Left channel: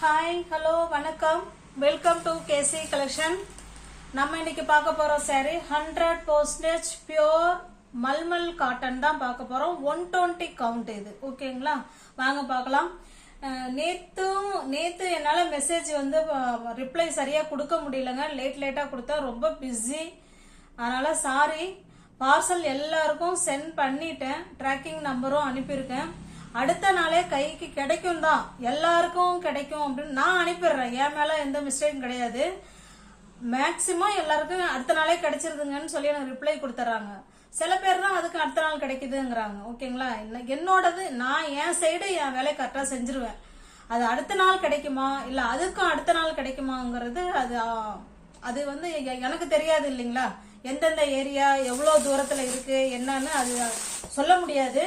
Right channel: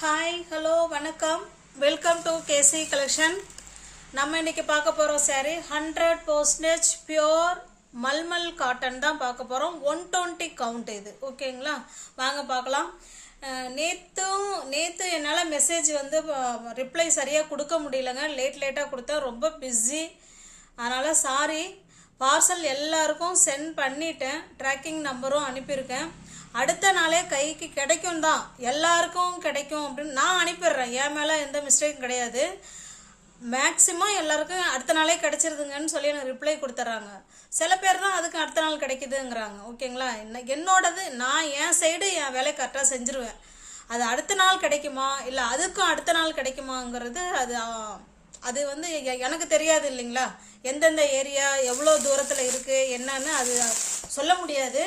Hi hello வணக்கம் welcome to KC collection. நம்ம இன்னைக்கு பார்க்க போகிறோம் சாரி 100% பியோர் மல்மல் காட்டன் தான் பார்க்க போகிறோம். 120 கவுண்ட் இது. ஓகேங்களா, வாங்க பார்க்கலாம். நேற்று என்னால் மெசேஜ் வந்து ரிப்ளை சரியாக கொடுக்க முடியலங்க. லேட்டாக கொடுத்தா ரொம்ப பிஸி, அதனால் சாரி. பார்சல் எல்லாருக்கும் சென்ட் பண்ணிட்டேன், ட்ராக்கிங் நம்பரும் அனுப்பியிருக்கேன். அடுத்த நாளே கைக்கு கிடைக்கும் தான், எல்லாருக்கும் கிடைக்கும் அப்படின்னு நான் அனுப்பிடுறேன். என் மேலே எந்த மிஸ்டேக்கும் கிடையாது. மேக்சிமம் எல்லாருக்கும் அடுத்த நாளே கிடைச்சிருதுங்கன்னு சொல்லி எனக்கு ரிப்ளை கொடுத்துட்றாங்க. சில பேர் தான் அதுக்கு அடுத்த நாள் கிடைக்குதுங்கிறாங்க. ஓகேங்களா, என்னோடது நான் என் சைடு என் வேலையை கரெக்டாக செஞ்சுருவேன். அது அடுத்த நாள் கிடைக்குமா இல்லை அதுக்கும் அடுத்த நாள் கிடைக்குமாங்கிறது அது வந்து எனக்கு தெரியாது இல்லைங்களா. எந்தெந்த ஏரியா எவ்வளோ தூரத்தில் இருக்குது என்னன்னு அது சொல்ல முடியாது.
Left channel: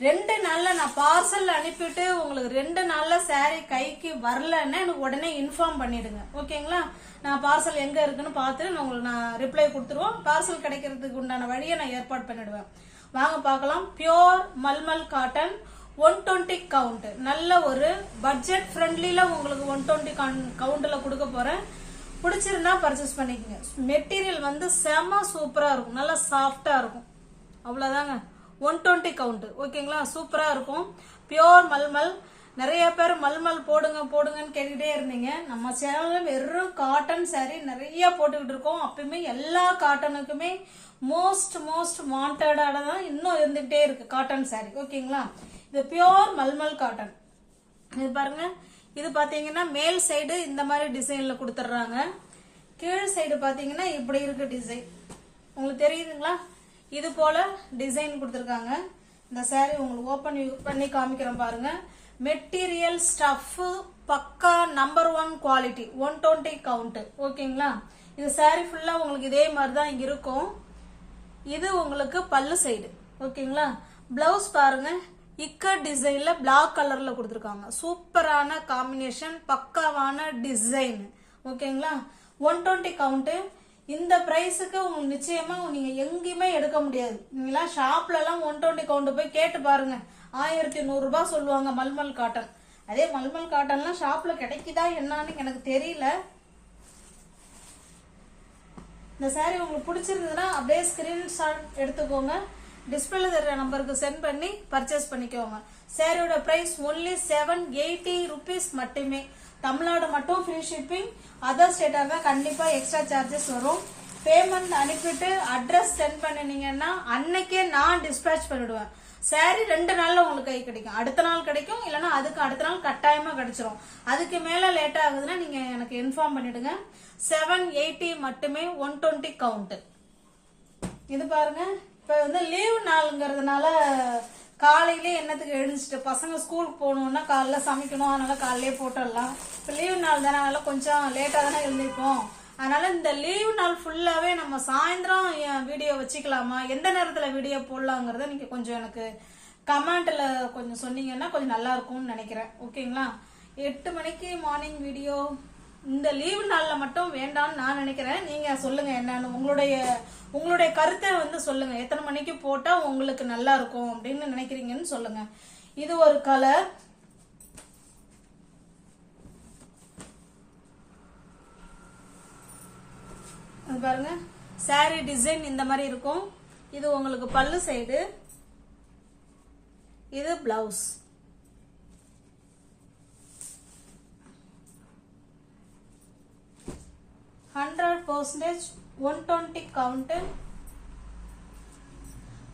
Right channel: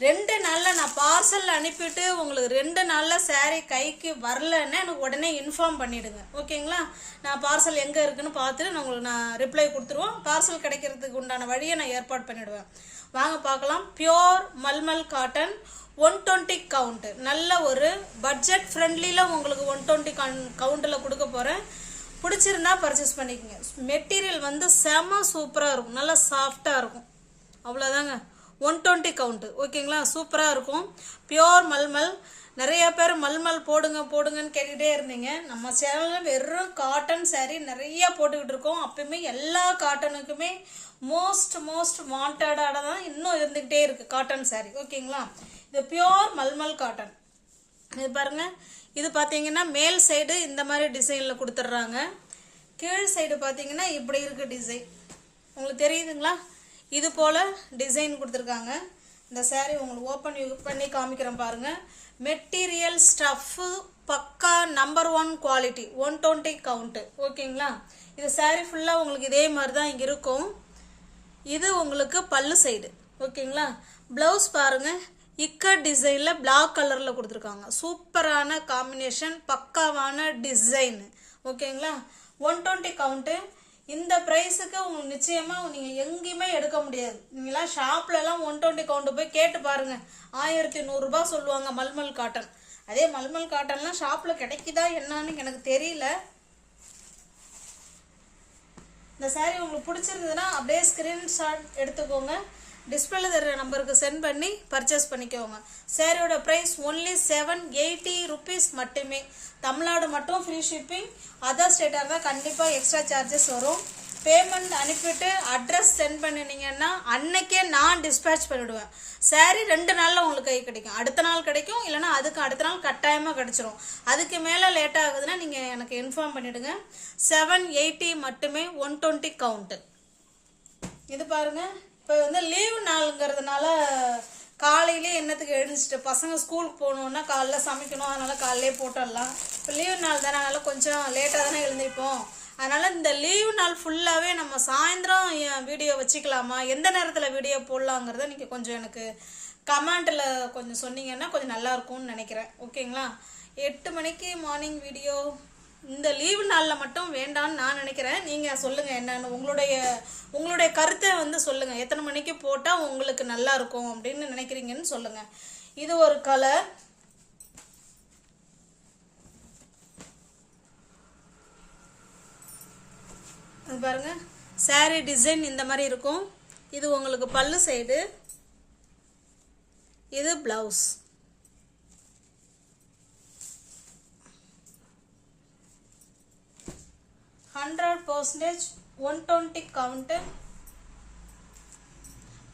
2 நாளில் நான் பார்சல் அனுப்பிட்டு உங்களுக்கு 2 நாளில் சாரீ கைக்கு வரலன்னா எனக்கு உடனே இன்ஃபார்ம் பண்ணிவிடுங்க. ஓகேங்களா, நான் பார்சல் எங்கே இருக்குன்னு பார்த்துட்டு நான் ரிப்ளை கொடுத்துருவோம். பார்சல் கிடைக்கிறதுக்கு உண்டான வழியை நான் ஏற்பாடு பண்ணிவிடுவேன். வாங்க பார்க்கலாம். Pure mulmul cotton 120 count. நல்ல ஒரு பட்ஜெட் ஃப்ரெண்ட்லியில் உங்களுக்கு 120 கவுண்டில் கொடுக்க போகிறேன். பிடிச்சிருந்தா பர்ச்சேஸ் பண்ணிக்கோங்க. மெட்டீரியல் வந்து செம சூப்பராக இருக்கும், நல்லா சாஃப்டாக இருக்கும். அவ்வளோதாங்க. 120 கவுண்ட். ஓகேங்களா, சூப்பராக இருக்கும். பியோர் மல்மல். நிறைய பேர் மல்மல் போடுங்கன்னு கேட்டுக்கிட்டே இருந்தீங்க. நம்ம சேனலில் வெறும் காட்டன் சாரீ நிறைய போட்டுக்கிட்டு இருக்கோம். அப்பயுமே எல்லா காட்டனுக்குமே மோஸ்ட் வாண்டடாக தான் இன்னும் இருந்துகிட்டே இருக்குது காட்டன் சாரீ. ஓகேங்களா, இது பியோர் மல்மல் காட்டன். இது பாருங்க, இது பார்த்தீங்கன்னா மேல் சைடு இந்த மாதிரி டிசைனில் கொடுத்துட்றாங்க. கீழ் சைடு பார்த்தீங்கன்னா இப்படி இருக்கு டிசைன். உங்களுக்கு தெரியுதுங்களா, இது போல் டிசைன் கொடுத்துருக்காங்க. இந்த சாரீ உங்களுக்கு ஓப்பன் பண்ணி காமிக்கிறோம் பாருங்க. மெட்டீரியல் ஸ்டஃப்பு பக்கா நம்பர் 1 குவாலிட்டி. 120 கவுண்ட்டு. ஓகேங்களா, இது சாரீ ஃபுல்லாக உங்களுக்கு இதே மாதிரி தான் இங்கே இருக்கும். இது உங்களுக்கு பல்லு சைடு. ஓகேங்களா, ப்ளவுஸ் பாருங்க, இக்கட் டிசைனில் பிளாக் கலரில் கொடுத்துருக்காங்க. சூப்பரான காம்பினேஷன், பக்காவான டிசைன். ஓகேங்களா, 120 கவுண்ட்டு. இந்த ப்ரைஸுக்கு உங்களுக்கு நிச்சயமாக நீங்கள் எங்கேயுமே எடுக்க முடியாது. நீங்களாம் ஷாப்லலாம் 120 கவுண்ட் போய் கேட்டு பாருங்கள், 1100 ரூபாய் சொல்லுவாங்க மல்மல் காட்டன். அதே மல்மல் காட்டன்லாம் ஷாப்பில் கிடைக்குதா என்னன்னு எனக்கு தெரியல. இந்த சாரீ உங்களுக்கு பிடிச்சிருந்ததுன்னா அப்படியே ஸ்க்ரீன்ஷாட் எடுத்துக்கோங்க. டிஸ்பிளேல தர நம்பருக்கு சென்ட் பண்ணி பர்ச்சேஸ் பண்ணிக்கோங்க. சாரியோட ப்ரைஸ் ஒன்லி 780 ருபீஸ் மட்டுமே. தமிழ்நாடு மட்டும் ஃப்ரீ ஷிப்பிங். அதர் ஸ்டேட்டாக இருந்தால் கண்டிப்பாக எக்ஸ்ட்ரா சார்ஜஸ் வரும். பேமெண்ட் அனுப்பிட்டு அட்ரஸ் சென்ட் பண்ணினீங்கன்னா அன்னைக்கே நான் டிஸ்பேச் பண்ணிவிடுவேன். சாரீ 2 நாளில் உங்களுக்கு கை கிடைக்கும். அடுத்த நாள் கிடைக்கும், இல்லைனா அதுக்கு அடுத்த நாள் கட்டாயமாக கிடைச்சிரும். அதுக்கு மேலே லேட் ஆகுதுன்னா நீங்கள் எனக்கு இன்ஃபார்ம் பண்ணிவிடுங்க. 780 மட்டுமே. 120 கவுண்ட்டு. இது பாருங்க, இப்போ வந்து லீவ் நாளுங்கிறதுனால காலையிலே என்னத்துக்கு எழுந்திரிச்சிட்டு பசங்க ஸ்கூலுக்கு போகணுன்னா காலைல சமைக்கணும், அதனால் காலையிலே போட்டுடலாம். இப்போ லீவ் நாள் தானே, அதனால் கொஞ்சம் லேட்டாக தானே எழுந்திருப்போம். அதனால் இந்த லீவ் நாள் ஃபுல்லாகவே நம்ம சாயந்தரம் வீடியோ வச்சுக்கலாமா, எந்த நேரத்தில் வீடியோ போடலாங்கிறத நீங்கள் கொஞ்சம் எனக்கு கமெண்ட்டில் கொஞ்சம் சொன்னீங்கன்னா கொஞ்சம் நல்லாயிருக்கும்னு நினைக்கிறேன். ஓகேங்களா, 8 மணிக்கு மார்னிங் வீடியோ இந்த லீவு நாளில் மட்டும் வேண்டான்னு நான் நினைக்கிறேன். நீங்கள் சொல்லுங்கள் என்னன்னு, உங்களுடைய கருத்தை வந்து சொல்லுங்கள். எத்தனை மணிக்கு போட்டால் உங்களுக்கு நல்லா இருக்கும் அப்படின்னு நினைக்கிறீங்கன்னு சொல்லுங்கள். இது ஒரு கலர். பாருங்க, சாரீ டிசைன் இந்த மாதிரி இருக்கும். இது உங்களுக்கு பல்லு சைடு, இது பிளவுஸ். %, 120 count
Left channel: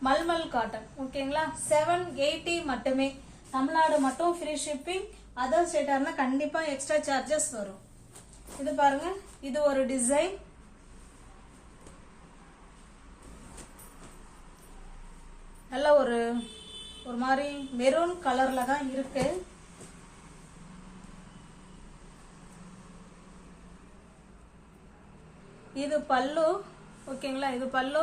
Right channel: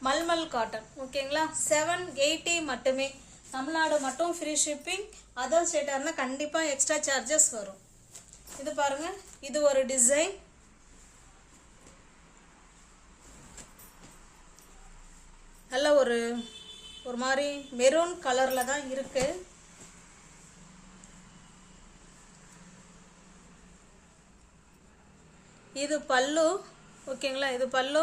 mulmul cotton. ஓகேங்களா, 780 மட்டுமே. தமிழ்நாடு மட்டும் ஃப்ரீ ஷிப்பிங். அதர் ஸ்டேட்டாக இருந்தால் கண்டிப்பாக எக்ஸ்ட்ரா சார்ஜஸ் வரும். இது பாருங்க, இது ஒரு டிசைன். நல்ல ஒரு மாதிரி மெரூன் கலரில் தான் இருக்கு. இது பல்லு. ஓகேங்களா, இது பல்லு.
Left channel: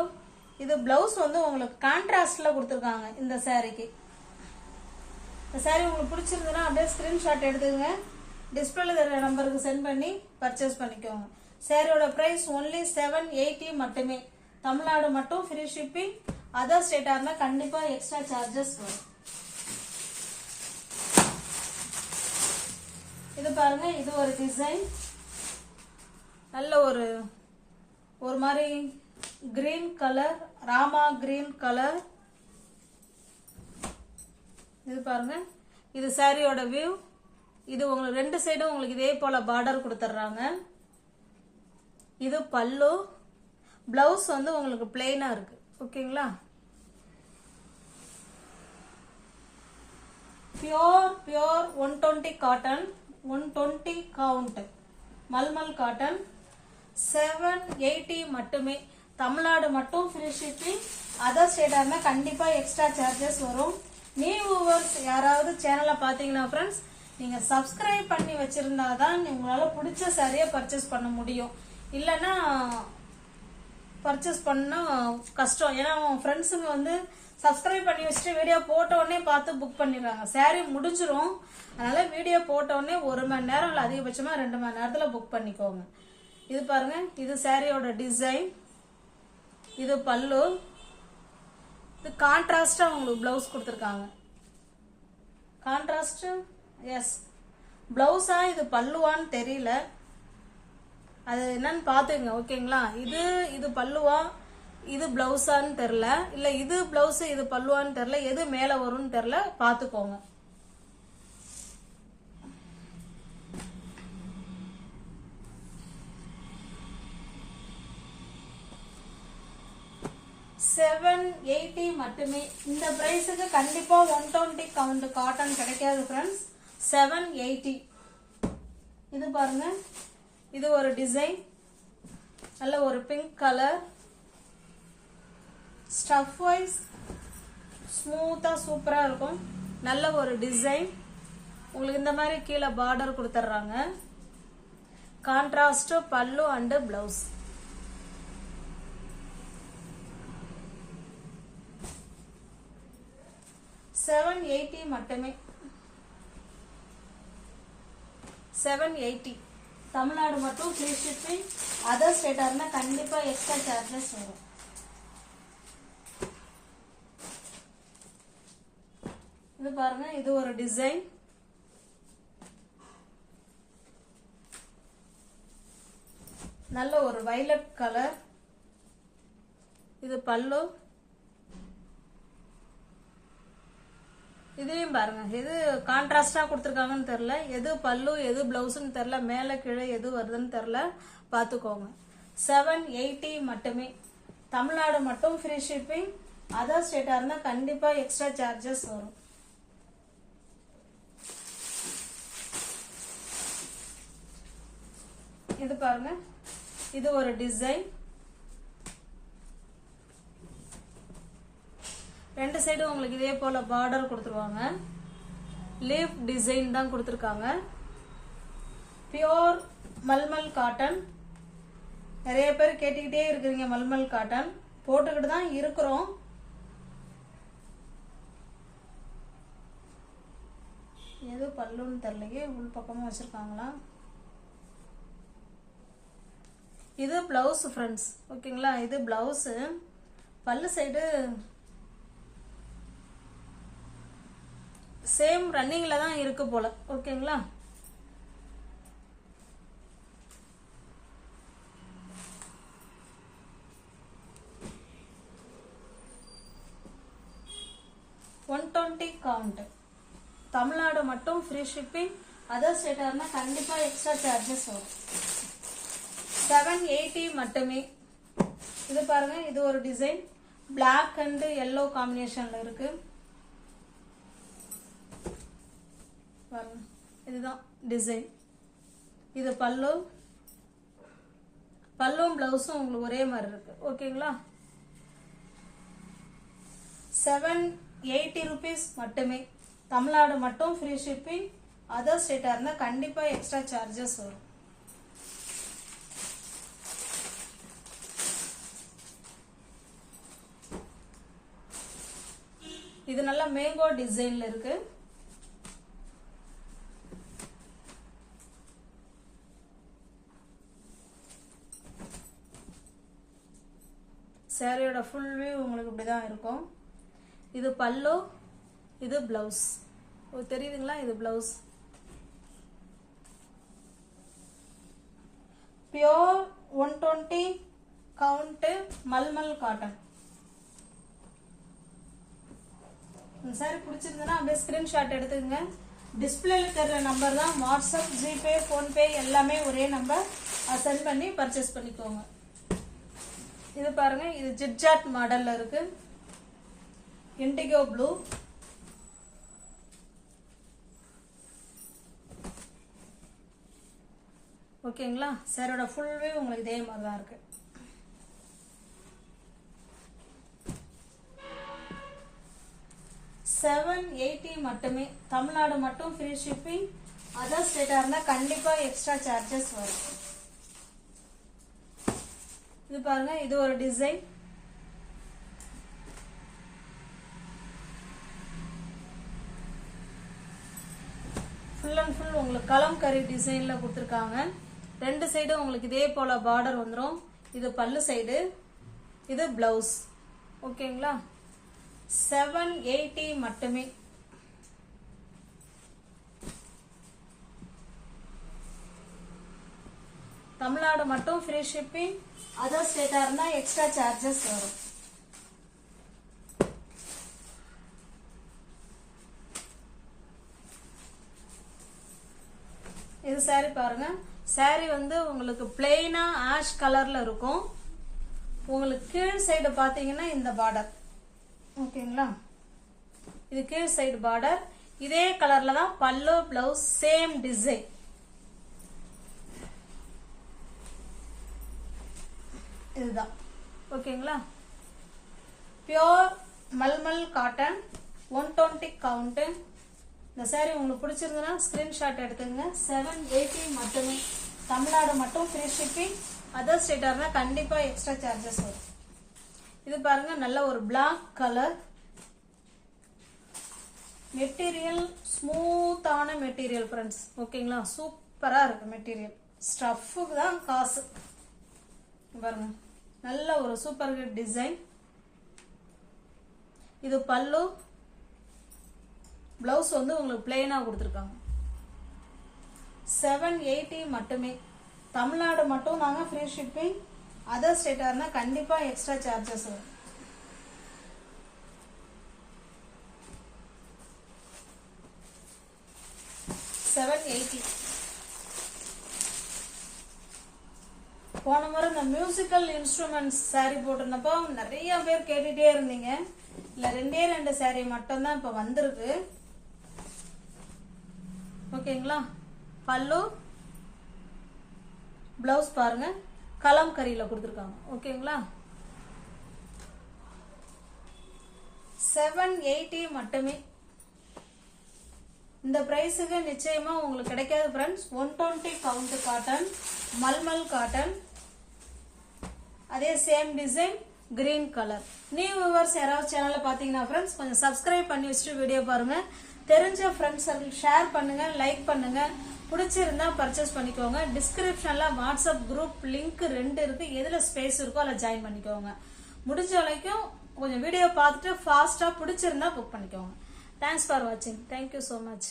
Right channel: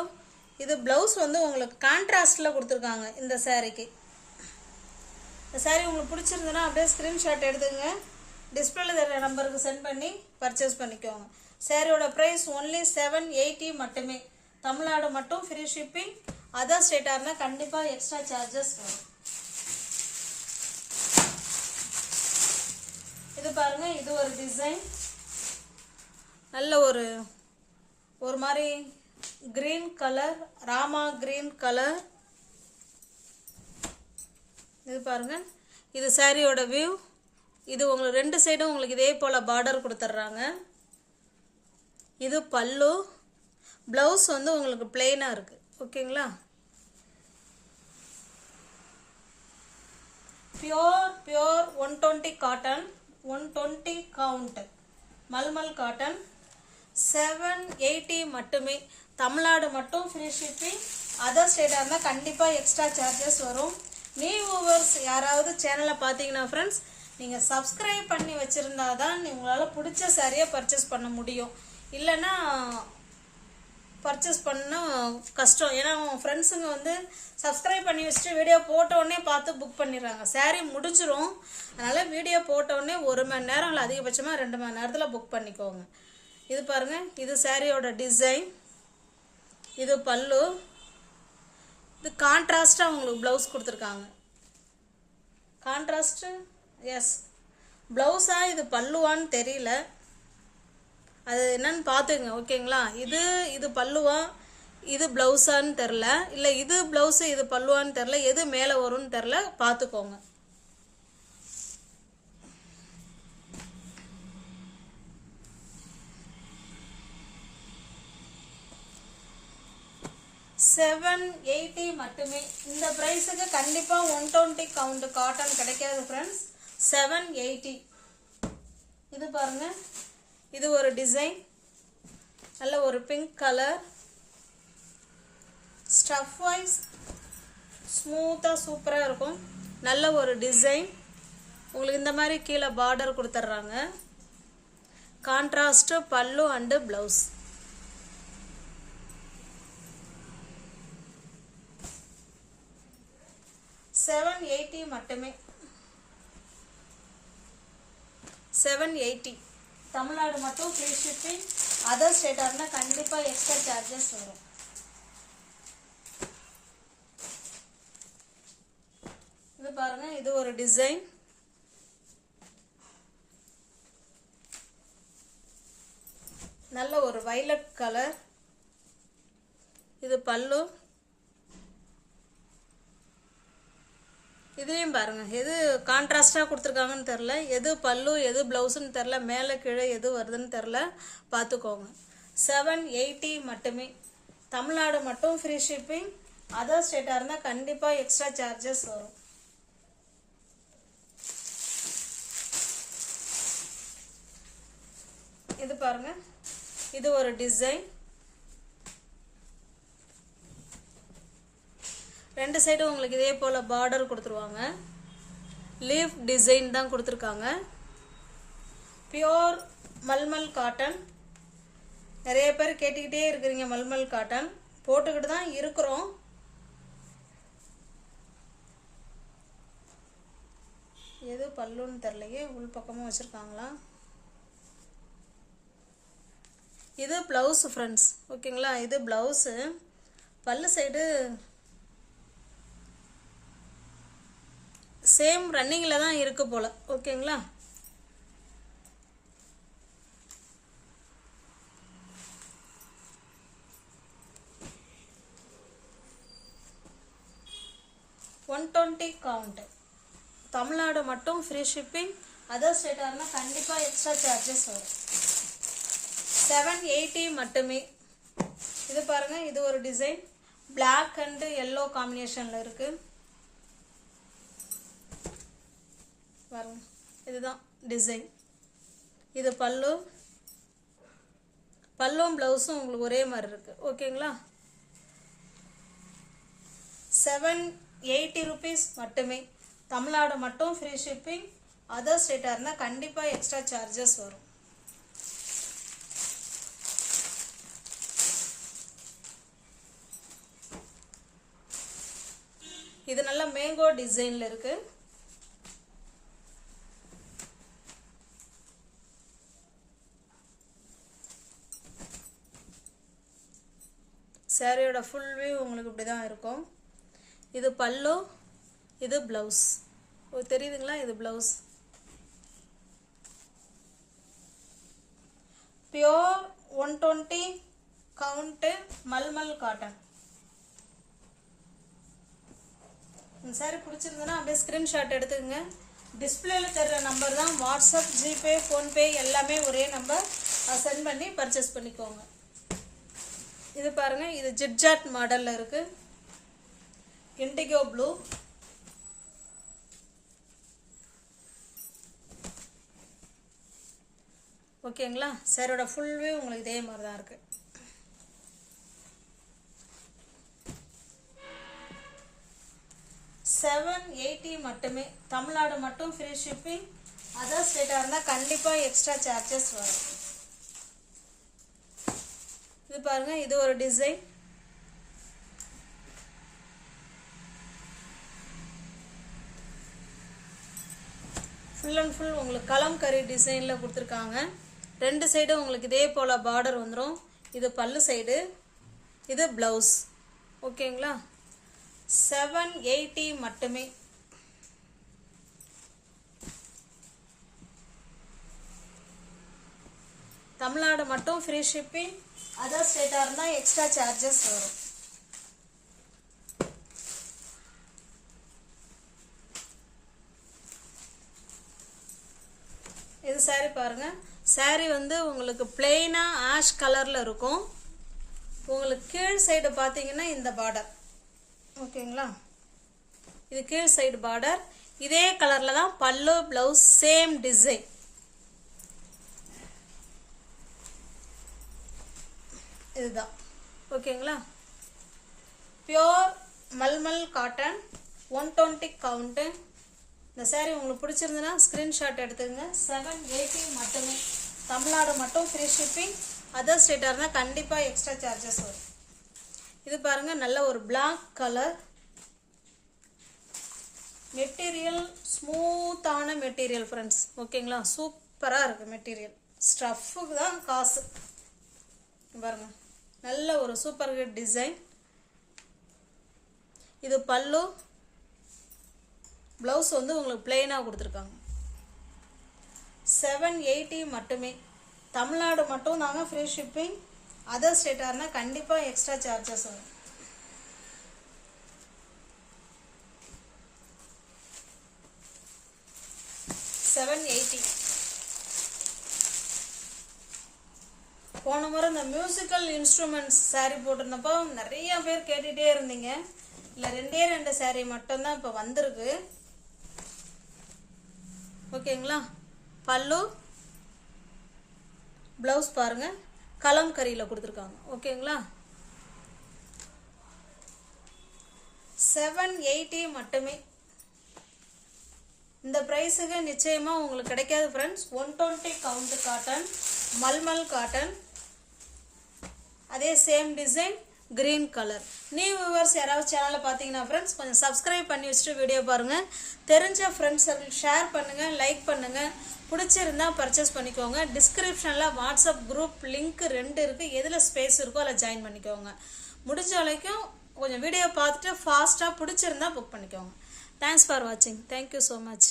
இது பிளவுஸ் வந்து உங்களுக்கு கான்ட்ராஸ்டில் கொடுத்துருக்காங்க இந்த சாரீக்கு. இந்த சாரீ உங்களுக்கு பிடிச்சிருந்ததுன்னா அப்படியே ஸ்க்ரீன்ஷாட் எடுத்துக்கங்க. டிஸ்பிளேல தர நம்பருக்கு சென்ட் பண்ணி பர்ச்சேஸ் பண்ணிக்கோங்க. சாரியோட ப்ரைஸ் ஒன்லி 780 மட்டுமே. தமிழ்நாடு மட்டும் ஃப்ரீ ஷிப்பிங். அதர் ஸ்டேட்டாக இருந்தால் கண்டிப்பாக எக்ஸ்ட்ரா சார்ஜஸ் வரும். இது பாருங்க, இது ஒரு டிசைன். நல்ல ஒரு மாதிரி green colour, Rama green colour. இது பாருங்க, இது சாரியோட வியூ. இது உங்களுக்கு 2 சைடும் உங்களுக்கு இதே போல பார்டர் கொடுத்துட்றாங்க. இது பல்லு. பிளவுஸ் வந்து உங்களுக்கு பிளெயினா இருக்கு. ஓகேங்களா? Pure 120 cotton, 120 count mulmul cotton. 780 மட்டுமே. தமிழ்நாடு மட்டும் ஃப்ரீ ஷிப்பிங். அதர் ஸ்டேட்டாக இருந்தால் கண்டிப்பாக எக்ஸ்ட்ரா சார்ஜஸ் வரும். நியூ வியூவர்ஸ் யாராவது சேனலை பார்த்தீங்கன்னா ஃப்ரெண்ட்ஸ், நீங்கள் சப்ஸ்கிரைப் பண்ணி வச்சுருந்தா தான் உங்களால் பிடிச்ச சாரியை பர்ச்சேஸ் பண்ண முடியும். இல்லைன்னா பர்ச்சேஸ் பண்ண கஷ்டம். ஏன்னா அவங்க ஃப்ரெண்ட்ஸுங்க வந்து சப்ஸ்கிரைப் பண்ணி வச்சுட்டு வீடியோ போட்டோடனே பார்த்து புக் பண்ணிடுறாங்க. சாரீ முடிஞ்சிரும். அதனால் வீடியோ போட்டோடனே 1 மணி நேரம் இல்லை அதிகபட்சமாக 2 மணி நேரத்தில் புக் பண்ணிக்கோங்க. இது பாருங்கள், இது சாரியோட டிசைன். இது பல்லு. இது கான்ட்ராஸ்டாக உங்களுக்கு ப்ளவுஸ் கொடுத்துருக்காங்க. Contrast S. ப்ளவுஸாக இது பல்லுவான்னு தெரியல, அது என்னன்னு பார்த்துங்க. ஓகேங்களா? இது பல்லுவா இது ப்ளவுஸான்னு தெரில, இல்லை இது ப்ளவுஸு இது பல்லுவான்னு தெரில, எது மேலே வரும்னு தெரில, பார்த்துக்கோங்க. $780 மட்டுமே. இந்த ப்ரைஸுக்கு கண்டிப்பாக 120 கவுண்ட் காட்டன் கிடைக்காது ஃப்ரெண்ட்ஸ். 780. இது பாருங்க, இது ஒரு டிசைன். நல்ல ஒரு பிங்க் கலர். ஸ்டஃப் வைஸ் ஸ்மூத்தாக சூப்பராக இருக்கும். நல்ல ஒரு டிசைன். உங்களுக்கு இந்த மாதிரி கீழே பார்டர் கொடுத்துட்றாங்க. கான்ட்ராஸ்ட் பல்லு அண்டு ப்ளவுஸ். $780 மட்டுமே. 780. தமிழ்நாடு மட்டும் ஃப்ரீ ஷிப்பிங். அதர் ஸ்டேட்டாக இருந்தால் கண்டிப்பாக எக்ஸ்ட்ரா சார்ஜஸ் வரும். இது பாருங்க, இது ஒரு டிசைன். நல்ல ஒரு வயலட் கலர். இது பல்லு. இதுலேயும் பாருங்க, எது கான்ட்ராஸ்டாக கொடுத்துருக்காங்கன்னு தெரில, எது பல்லு எது ப்ளவுஸுன்னு தெரில, மேலே கீழே எது வருதுன்னு தெரில, பார்த்துக்கோங்க. 780 மட்டுமே. தமிழ்நாடு மட்டும் ஃப்ரீ ஷிப்பிங். அதர் ஸ்டேட்டாக இருந்தால் கண்டிப்பாக எக்ஸ்ட்ரா சார்ஜஸ் வரும். இது பாருங்க, இது ஒரு டிசைன். 2 சைடும் உங்களுக்கு இதே போல் பார்டர் கொடுத்துருவாங்க. லீஃப் டிசைன் தான் கொடுத்துருக்காங்க. Pure mulmul cotton. நிறைய பேர் கேட்டுக்கிட்டே இருக்கிறீங்க மல்மல் காட்டன். போட்டுக்கிட்டு தான் இருக்கிறோம். எது பல்லுன்னு தெரியலையே, உள் பக்கமும் வச்சுருக்காங்களா. இது ப்ளவுஸ் ஃப்ரெண்ட்ஸ். ஓகேங்களா? இது ப்ளவுஸு. பல்லு சைடு சேம் ரன்னிங்கில் தான் இருக்கு போல். ஓகேங்களா? $120 கவுண்ட். தமிழ்நாடு மட்டும் ஃப்ரீ ஷிப்பிங். அதர் ஸ்டேட்டாக இருந்தால் கண்டிப்பாக எக்ஸ்ட்ரா சார்ஜஸ் வரும். 780 மட்டுமே. இது பாருங்க, இது ஒரு டிசைன். பிளாக் அண்ட் எல்லோ காம்பினேஷனில் இருக்கு. பாருங்க, இதுதான் டிசைன். இது பல்லு. பல்லும் ப்ளவுஸும் உங்களுக்கு ஒரே மாதிரி இருக்கு. ஓகேங்களா? 780 rupees மட்டுமே. தமிழ்நாடு மட்டும் ஃப்ரீ ஷிப்பிங். அதர் ஸ்டேட்டாக இருந்தால் கண்டிப்பாக எக்ஸ்ட்ரா சார்ஜஸ் வரும். இது நல்ல மேங்கோ டிசைன்ல இருக்கு. சாரியோட ஃபுல் வியூ உங்களுக்கு இப்படி தான் இருக்கும். இது பல்லு, இது ப்ளவுஸ். தெரியுதுங்களா? இது ப்ளவுஸ். Count mulmul cotton. இந்த சாரி பிடிச்சிருந்ததுன்னா அப்படியே ஸ்க்ரீன்ஷாட் எடுத்துக்கங்க. டிஸ்பிளேல தர்ற நம்பர் தான் வாட்ஸ்அப், ஜிபே, ஃபோன்பே எல்லாமே ஒரே நம்பர். சென்ட் பண்ணி பர்ச்சேஸ் பண்ணிக்கோங்க. இது பாருங்க, இது ஜிட்ஜாட் மாடல்ல இருக்கு. Indigo blue. ஓகேங்களா? சாரியோட ஃபுல் வியூ உங்களுக்கு இதே மாதிரி தான் இருக்கு. $780 மட்டுமே. தமிழ்நாடு மட்டும் ஃப்ரீ ஷிப்பிங். அதர் ஸ்டேட்டா இருந்தா கண்டிப்பா எக்ஸ்ட்ரா சார்ஜஸ் வரும். இது பாருங்க, இது ஒரு டிசைன். ஃபுல் அண்ட் ஃபுல் உங்களுக்கு கலம்கரி டிசைன்ல கொடுத்துருக்காங்க. ரெண்டு சைடும் உங்களுக்கு இதே போல பார்டர் வந்துடும். இது பல்லு சைடு, இது பிளவுஸ். ஓகேங்களா? $780 மட்டுமே. தமிழ்நாடு மட்டும் ஃப்ரீ ஷிப்பிங். அதர் ஸ்டேட்டா இருந்தா எக்ஸ்ட்ரா சார்ஜஸ் வரும். இது சாரி பாருங்க. சாரி வந்து உங்களுக்கு பிளெயினா ஆஷ் கலர்ல இருக்கும். உங்களுக்கு கீழ் சைடு பாத்தீங்கன்னா இந்த பார்டர். ஓகேங்களா? இது கீழ் சைடு பார்டர். இதே கலர்ல தான் பல்லு, பிளவுஸ், சேம் டிசைன். இதுதான். ஓகேங்களா? Pure mulmul cotton, 120 count. இந்த சாரி உங்களுக்கு பிடிச்சிருந்ததுன்னா ஸ்கிரீன்ஷாட் எடுத்துங்க. $780 மட்டுமே. தமிழ்நாடு மட்டும் ஃப்ரீ ஷிப்பிங். அதர் ஸ்டேட்டா இருந்தா கண்டிப்பா எக்ஸ்ட்ரா சார்ஜஸ் வரும். இது பாருங்க, நல்ல ஒரு பிளாக் கலர். மெட்டீரியல் ஸ்மூத்தான மெட்டீரியல் ஃப்ரெண்ட்ஸ். ஓகேங்களா? சூப்பரா இருக்கு மெட்டீரியல். ஸ்டஃப்புக்கு தான் காசு. பாருங்க, நல்ல ஒரு சூப்பர் ஹிட் டிசைன். இது பல்லு, பிளவுஸ் வந்து உங்களுக்கு பிளெயினா கொடுத்துருக்காங்க. $780 மட்டுமே. தமிழ்நாடு மட்டும் நாங்க ஃப்ரீ ஷிப்பிங். அதர் ஸ்டேட்டா இருந்தா கண்டிப்பா எக்ஸ்ட்ரா சார்ஜஸ் வரும். $780. போன முறை இந்த மியூசிக்கல் இன்ஸ்ட்ருமெண்ட்ஸ் சாரி போட்டிருந்தப்போ நிறைய பேர் கேட்டுட்டே இருந்தீங்க. இல்ல 2 சாரி மட்டும் தான் இப்ப வந்திருக்கு. ஓகேங்களா? பல்லு, பிளவுஸ் பாருங்க, கலம்கரியில கொடுத்துருக்காங்க. ஓகேங்களா? $780 மட்டுமே. இந்த பிரைஸுக்கு நிச்சயமா உங்களுக்கு கிடைக்காது ஃப்ரெண்ட்ஸ். 120 கவுண்ட் காட்டன், மல்மல் காட்டன். அதே same design, green colour. New viewers யாராவது சேனலை பார்த்தீங்கன்னா ஃப்ரெண்ட்ஸ் கொஞ்சம் சப்ஸ்கிரைப் பண்ணி வச்சுட்டு வீடியோ பாருங்க. தெரிஞ்ச ஃப்ரெண்ட்ஸ் ஷேர் பண்ணுங்க, லைக் பண்ணுங்க. பிடிச்சிருந்தா பர்ச்சேஸ் பண்ணிக்கோங்க. டிஸ்கிரிப்ஷன்ல வாட்ஸ்அப் குரூப் லிங்க் 2 இருக்கு. எதுல ஸ்பேஸ் இருக்கோ அதில் ஜாயின் பண்ணிக்கோங்க. முடிஞ்ச வரைக்கும் கொஞ்சம் வீடியோ பார்த்துட்டு ஃபாஸ்டா பிடிச்சிருந்தா புக் பண்ணிக்கோங்க. தேங்க்ஸ் ஃபார் வாட்சிங். Thank you so much.